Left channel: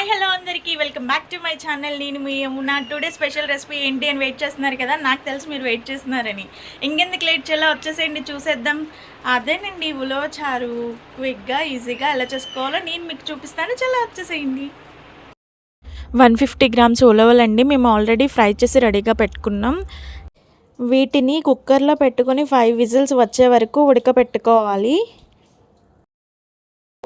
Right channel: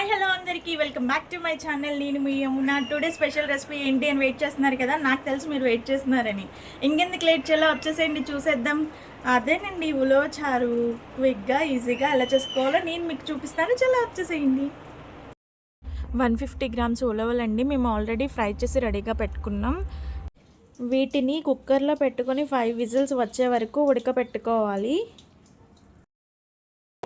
Hi hello అందరికీ. Welcome back to my channel. నేను మీ యమున. టుడే స్పెషల్ రెసిపీ ఏంటి అని వెయిట్ చేస్తున్నారు కదా? నాకు తెలిసి మీరు వెయిట్ చేస్తున్నారని. ఇంకెందుకు లేట్ చేయాలో? వచ్చేసేయండి చూసేద్దాం. అదేనండి ఉలవచారు క్విక్గా ఈజీగా ఎలా చేసుకోవాలో నేను మీకు చూపిస్తాను. చాలా వచ్చేసేయండి. వన్ ఫిఫ్టీ గ్రామ్స్ ఉలవలండి. మేము ఆల్రెడీ ఫ్రై చేసి రెడీగా పెట్టుకున్నాం. వీటిని కుక్కర్లో పెట్టుకొని ఫైవ్ విజిల్స్ వచ్చే వరకు ఉడకపెట్టుకోవాలి.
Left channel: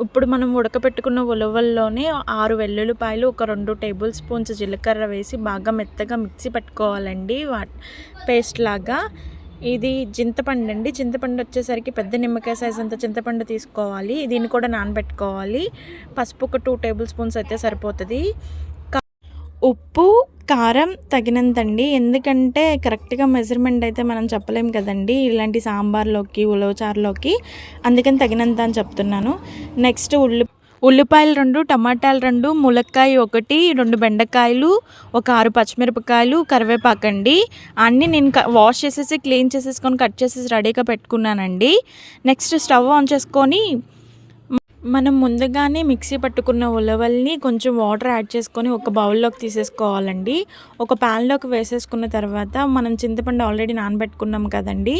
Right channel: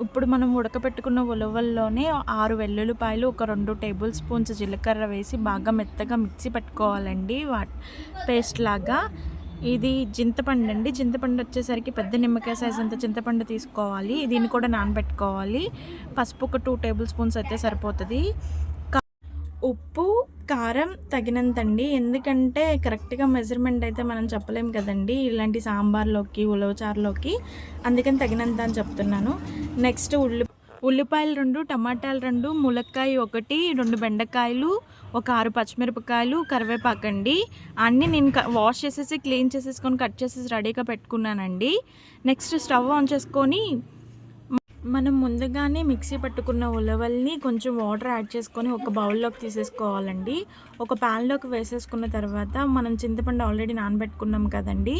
ఇప్పుడు మనం ఉడకపెట్టుకున్న ఉలవల్లోనే ఆరు వెల్లుల్లిపాయలు ఒక రెండు టేబుల్ స్పూన్స్ జీలకర్ర వేసి బాగా మెత్తగా మిక్సీ పెట్టుకోవాలండి. వా పేస్ట్ లాగా. ఇది చింతపండు అండి. చింతపండు వచ్చేసరికి పెద్ద నిమ్మకాయ సైజ్ అంత చింతపండు తీసుకోవాలి. దీన్ని కూడా నానబెట్టుకోవాలి. పసుపు ఒక టూ టేబుల్ స్పూన్స్ అయితే సరిపోతుంది. ఉప్పు కారం తగినంత అండి ఎందుకంటే కరెక్ట్గా మెజర్మెంట్ అయితే మనం చెప్పలేం కదండి. ఇలాంటి సాంబార్లోకి ఉలవచారులోకి అందుకని తగినంత అని చెప్తున్నాను. నెక్స్ట్ ఉల్లి ఉల్లిపాయలు రెండు టమాటాలు రెండు ములక్కాయ ఒకటి రెండు బెండకాయలు ఒక ఆరు పచ్చిమిరపకాయలు కరివేపాకండి అన్నీ నేను వాష్ చేసేసి క్లీన్ చేసేసుకొని కట్ చేసేసి రెడీగా పెట్టుకున్నానండి. నెక్స్ట్ స్టవ్ ఆన్ చేసుకొని మనం ముందుగానే మిక్సీ పట్టుకున్న ఉలవల్ని కొంచెం వాటర్ యాడ్ చేసుకొని ఒక బౌల్లోకి తీసేసుకోవాలండి. ఒక ప్యాన్లోకి వేసేసుకున్న తర్వాత మనం చింతపండు ఆల్రెడీ నానబెట్టుకున్నాం కదండి.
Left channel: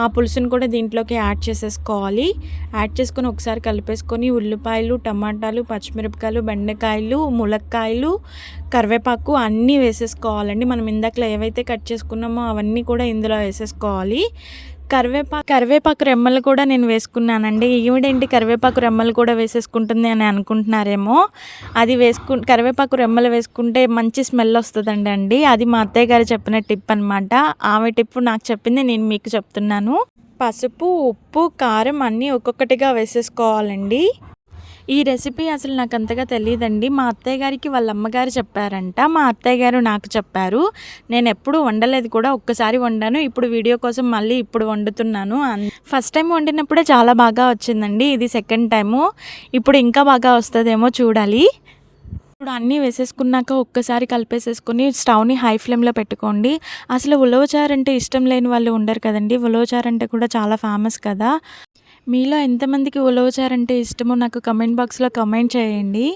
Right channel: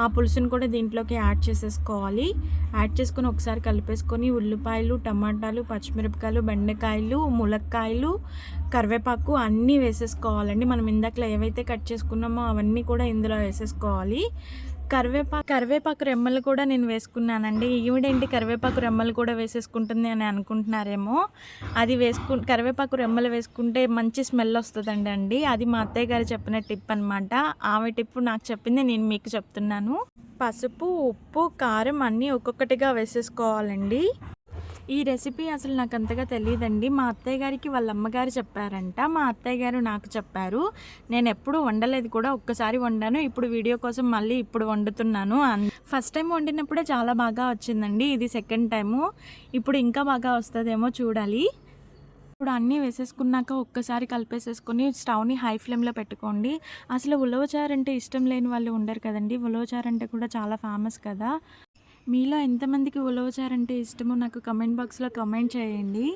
ఆ పులుసును కూడా దీంట్లోకి యాడ్ చేసేసుకోవాలి. యాడ్ చేసుకొని ఒకసారి కలిపేసుకొని ఉల్లిపాయలు టమాటాలు పచ్చిమిరపకాయలు బెండకాయలు ములక్కాయలు కరివేపాకు అన్నీ వేసేసుకోవాలండి. మనం ఇందాకలో ఏవైతే కట్ చేసుకున్నామో అవన్నీ కూడా ఇందులో వేసేసుకోవాలి. కరివేపాకు కరివేపాకు రెమ్మలు కూడా నేను వేసుకున్నానండి. ఈవిడేంటి కరివేపాకు రెమ్మలు కూడా వేసేసుకుంటుంది అని అనుకుంటున్నారేమో. అది వేసుకు కరివేపాకు రెమ్మలు వేసుకుంటే మంచి స్మెల్ వస్తుందండి అండి. అది మా అత్తయ్య గారు చెప్పిన టిప్ అనమాట ఆమె టిప్ నాకు చెప్పింది నేను మీకు చెప్తున్నాను. పసుపు ఉప్పు కారం అన్నీ ఒక్కొక్కటిగా వేసేసుకోవాలండి. ఈ రెసిపీ అసలు నాకు అంతగా తెలియదండి మా అత్తయ్య గారికి వాళ్ళ అమ్మగారు చెప్పారంట. మా అత్తయ్య గారు నాకు చెప్పారు. నేను ఎప్పుడు వండలేదు కూడా ఒక్కసారి వండాను. ఇప్పుడు వీడియో కోసం మళ్ళీ ఇప్పుడు వండుతున్నాను. ఫస్ట్ టైం వండినప్పుడే చాలా బాగా వచ్చిందండి. ఇది సెకండ్ టైము. ఇప్పుడు ఇంకా బాగా వస్తుందేమో చూడాలి. ఇప్పుడు అన్నీ వేసేసుకున్నాక ఒక్కసారి కలిపేసేసుకొని స్టవ్ని హై ఫ్లేమ్లో పెట్టుకోండి. అసలు ఉలవచారు అంటే ఇష్టం లేని వాళ్ళు ఉండరు కదండి. ఉలవచారు అంటే కూడా చాలా ఫేమస్ కదా. మీలో ఎంతమందికి ఉలవచారంటే ఇష్టమో నాకు కమెంట్ బాక్స్లో కమెంట్ చేయండి.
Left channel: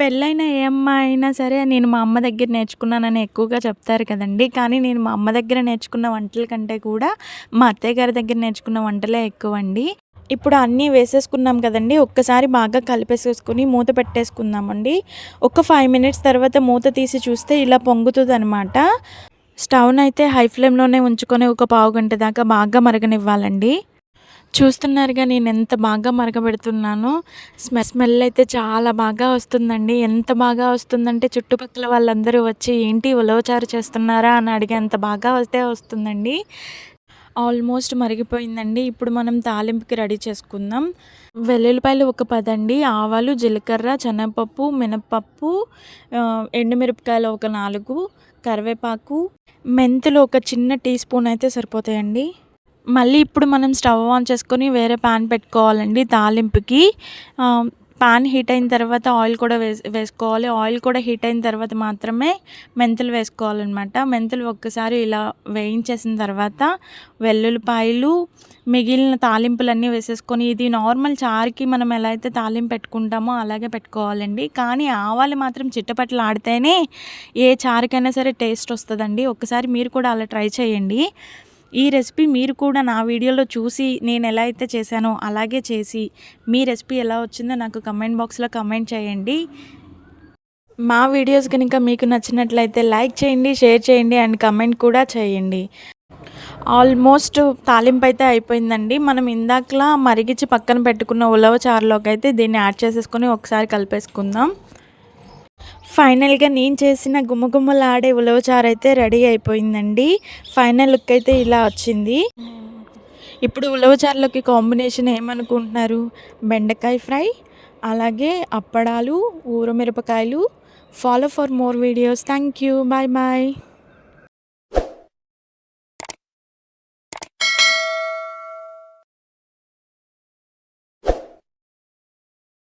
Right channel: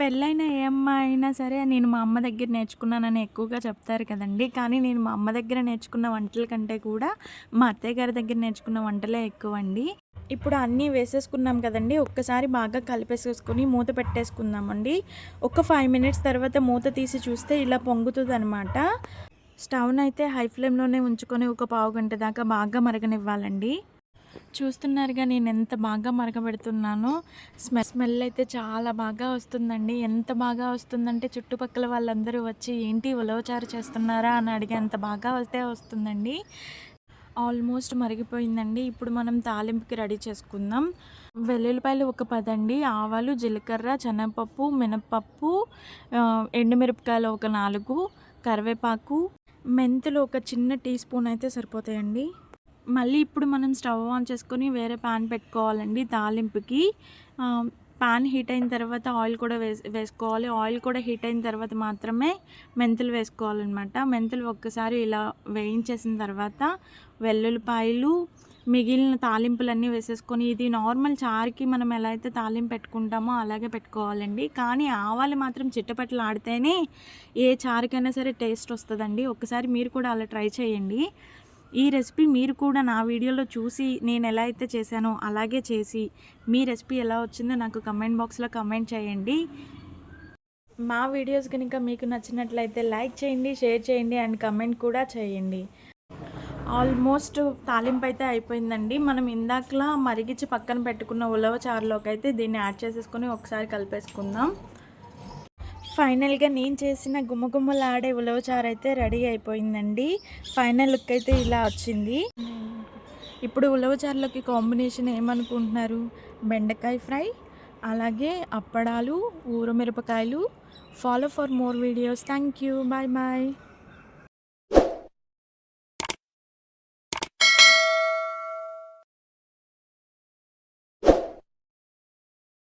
పెళ్ళైన ఏ అమ్మ అయినా సరే నేను మా అమ్మ దగ్గర నేర్చుకున్నానని ఎక్కువగా చెప్తారు కదండి. కానీ నేను మా అమ్మ దగ్గర నేర్చుకున్న వంటల కంటే కూడా మా అత్తయ్య గారి దగ్గర నేర్చుకున్న వంటలే ఎక్కువ అండి ఇప్పుడు అన్నీ వేసేసుకున్నాం కదండి. ఒక్కసారి బాగా కలిపేసేసుకుని మూత పెట్టేసుకుందామండి. ఒక ఫైవ్ మినిట్స్ తర్వాత మూత తీసి చూస్తే ఇలా పొంగుతుంది అనమాట స్టవ్ను అయితే హై ఫ్లేమ్లోనే ఉంచుకొని ఒక పావు గంట దాకా బాగా మరగనివ్వాలండి. చూస్తున్నారుగా నేను ఎంత బాగా మరగబెడుతున్నాను. స్మె స్మెల్ అయితే చాలా బాగా వస్తుందండి. ఎంత బాగా వస్తుందంటే చుట్టుపక్కల వాళ్ళందరూ వచ్చి ఏంటి ఉలవచారు చేస్తున్నారా? అని అడిగే అంత బాగా వస్తే వస్తుందండి. ఆల్మోస్ట్ మరిగిపోయిందండి. ఇప్పుడు మనం తాలింపుకి రెడీ చేసుకుందాం. వెల్లుల్లిపాయలు ఒక పదండి. ఆవాలు జీలకర్ర శనగపప్పు మినపప్పు ఎండుమిరపకాయలు ఒక నాలుగు కరివేపాకు మెంతులు ఒక చిన్న టీ స్పూన్ అయితే సరిపోతాయండి. మళ్ళీ ఇప్పుడు మనం స్టవ్ ఆన్ చేసుకొని వేరే ప్యాన్ పెట్టుకోవాలండి తాలింపుకి. పాన్ హీట్ అయిన తర్వాత ఆయిల్ కూడా వేస్ వేసుకోవాలి. ఆయిల్ కూడా హీట్ అయిన తర్వాత మాత్రమే మెంతులు వేసుకోవాలన్నమాట. మెంతులు ఒక్కసారి ఇలా వేయించేసిన తర్వాత వెల్లుల్లిపాయలు మిగిలిన తాలింపులన్నీ వేసేసుకొని ఇది నార్మల్ చారుకి మనం ఎలా అయితే తాలింపు పెట్టుకుంటామో అలాగే పెట్టుకోవాలండి. కానీ ఆవాలు మాత్రం చిట్టపట్లు ఆడితేనే ఏ చారుకైనా సరే టేస్ట్ వస్తుందండి. ఒకసారి మీరు కూడా అలా ట్రై చేయండి. ఈ రెసిపీ మీరు కూడా నా వీడియోలో చూసి నేను ఎలా అయితే చేశానో అలాగే చేసి మీ రెసిపీ ఎలా వచ్చిందో నాకు కమెంట్ బాక్స్లో కమెంట్ చేయండి. మా వీడియోస్ కనుక మీకు నచ్చినట్లయితే లైక్ చేయండి షేర్ చేయండి అండ్ కమెంట్ కూడా చేయండి. ఆల్మోస్ట్ తాలింపు అయితే అయిపోయిందండి. మనం ఇందాకలా మరిగించి పక్కన పెట్టుకున్న ఉలవ చారులోకి అయితే దీన్ని యాడ్ చేసేసుకొని ఒకసారి కలిపేసుకుందాం. ఫైనల్గా నేను చేసిన గుమ్మగుమ్మలాడే ఉలవచారు అయితే రెడీ అయిపోయిందండి. ఫైనల్ లుక్ అయితే ఇలా వచ్చింది. ఇప్పుడు ఉలవచారులోకి కాంబినేషన్ ఏమనుకుంటున్నారు? బెండకాయ ఫ్రై అలాగే అప్పడాలు ఊరమిరపకాయలు. Follow for more videos thank you bye bye